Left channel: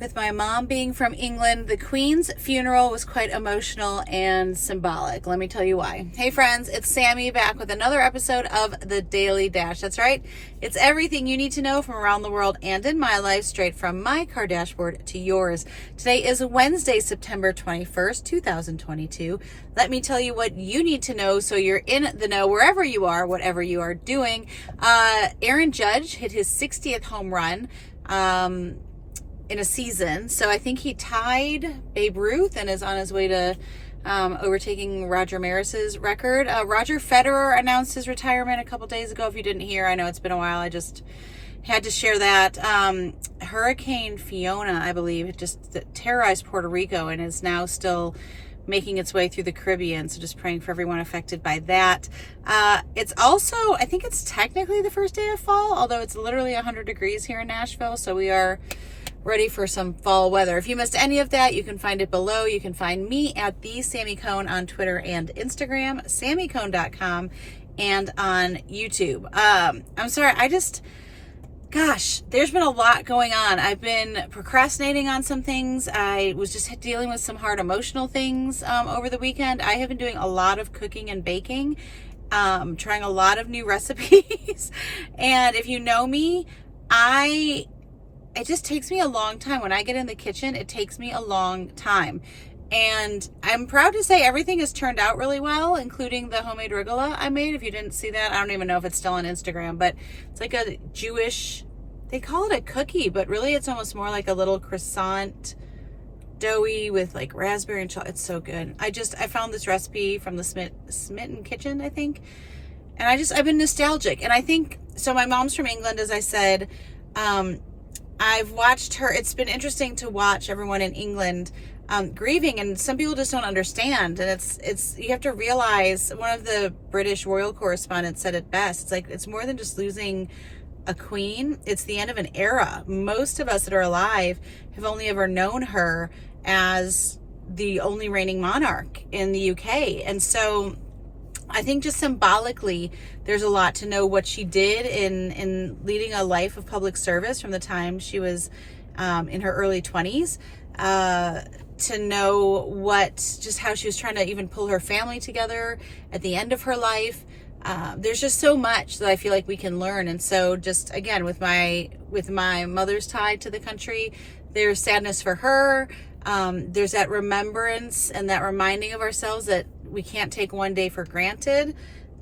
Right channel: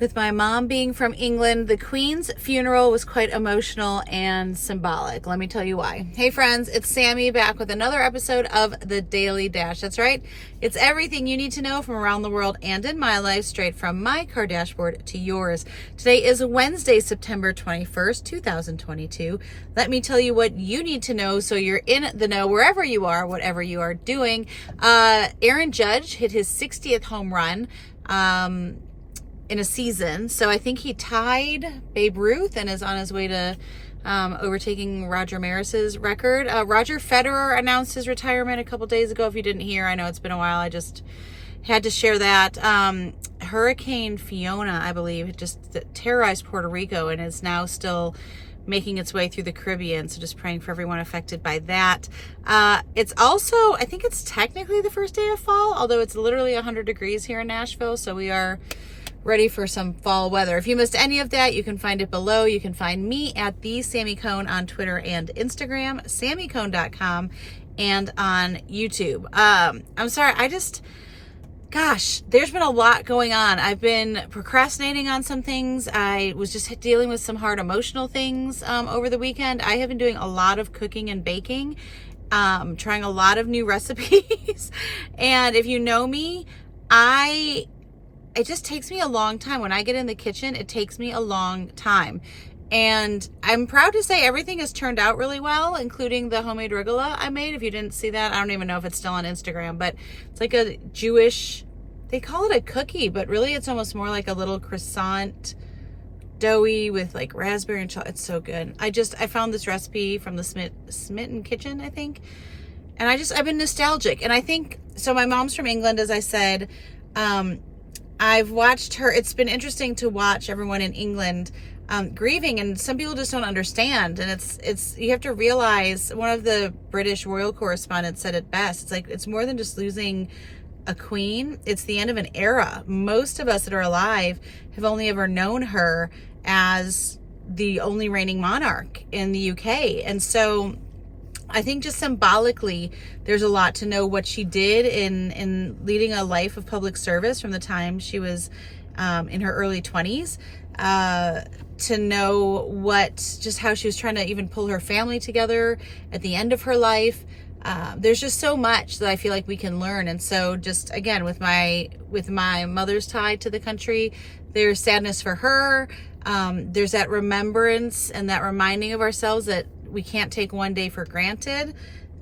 With my mom being from England, the Queen's funeral was quite emotional and symbolic. Let me tell you why. Hey friends, it's Sammy back with another episode of The Daily Dash. That's right. It's everything you need to know from around the world and in my life, straight from my car dashboard to yours. Today is Wednesday, September 21st, 2022. Let me tell you what you need to know so you're in the know wherever you are, whatever you are doing. Aaron Judge hit his 60th home run in a season. So I think he tied Babe Ruth and is on his way to overtaking Roger Maris's record. Roger Federer announced his retirement a couple days ago. If you didn't hear, I know it's been a while. I just had to share that. Hurricane Fiona, I believe, it just terrorized Puerto Rico and is now still making its way through the Caribbean. So just praying for everyone affected by that. It's also, I think it's technically the first day of fall, although it's literally 100 degrees here in Nashville. So we are ready for some fall weather. If you missed any of that, you can find it below. You can find me at the Sammy Cone on Twitter and Instagram, sammycone.com, and on YouTube. I'm sorry, gosh, there's been a lot going on. I've been procrastinating on some things. I was just dealing with some hard emotional things over the weekend. I have been doing a lot of cooking and baking, trying a lot of new recipes. And if you know me, it just takes me a long time. When I get in the kitchen, it takes me a long time. And I'm proud to say everything has turned out really well, including the homemade arugula I made. If you didn't see that, I don't even know if it's still on Instagram, but it's like a Jewish, they call it a cookie, but really it's almost more like a little croissant, doughy with like raspberry and chocolate. It's so good. I found this recipe from the Smitten Kitchen, I think. And I've been nostalgic. And I think, so my mom's from England, as I said. I've watched her. It's been interesting to watch everyone in England grieving, and some people just don't understand. And it's you have to realize, one of the British royal correspondents said it best. It's like, it's more than just losing a queen. It's the end of an era. Most of us that are alive have only ever known her as the only reigning monarch in the UK. And so I think just symbolically, there's a lot to know what she did in leading a life of public service from the time she was in her early 20s, to know just how she was trying to even pull her family together at the end of her life. There's just so much that I feel like we can learn. And so just, again, with my mother's tie to the country, there's sadness for her. There's that remembrance and that reminding of ourselves that we can't take one day for granted,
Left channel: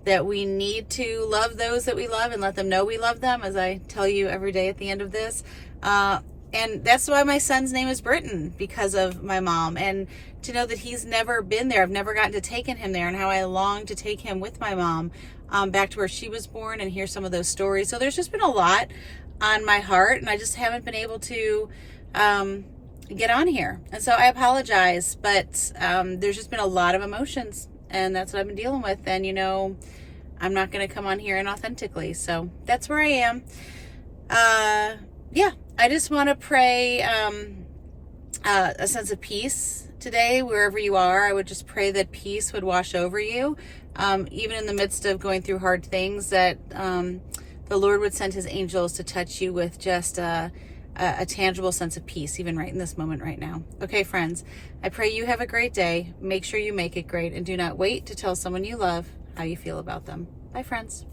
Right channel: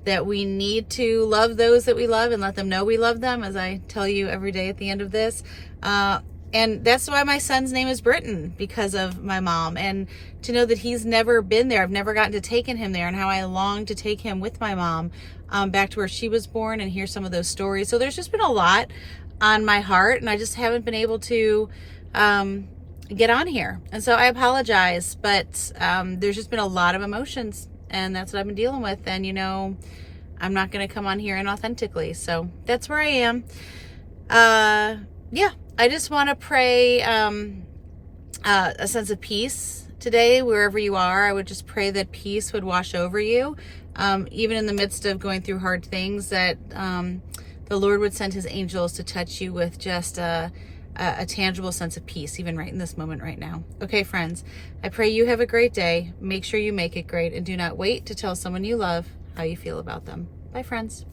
that we need to love those that we love and let them know we love them, as I tell you every day at the end of this. And that's why my son's name is Britton, because of my mom. And to know that he's never been there, I've never gotten to take him there, and how I long to take him with my mom back to where she was born and hear some of those stories. So there's just been a lot on my heart, and I just haven't been able to get on here. And so I apologize, but there's just been a lot of emotions, and that's what I've been dealing with. And I'm not going to come on here inauthentically. So that's where I am. Yeah, I just want to pray a sense of peace today, wherever you are. I would just pray that peace would wash over you, even in the midst of going through hard things, that the Lord would send his angels to touch you with just a tangible sense of peace, even right in this moment right now. Okay, friends, I pray you have a great day. Make sure you make it great, and do not wait to tell someone you love how you feel about them. Bye, friends.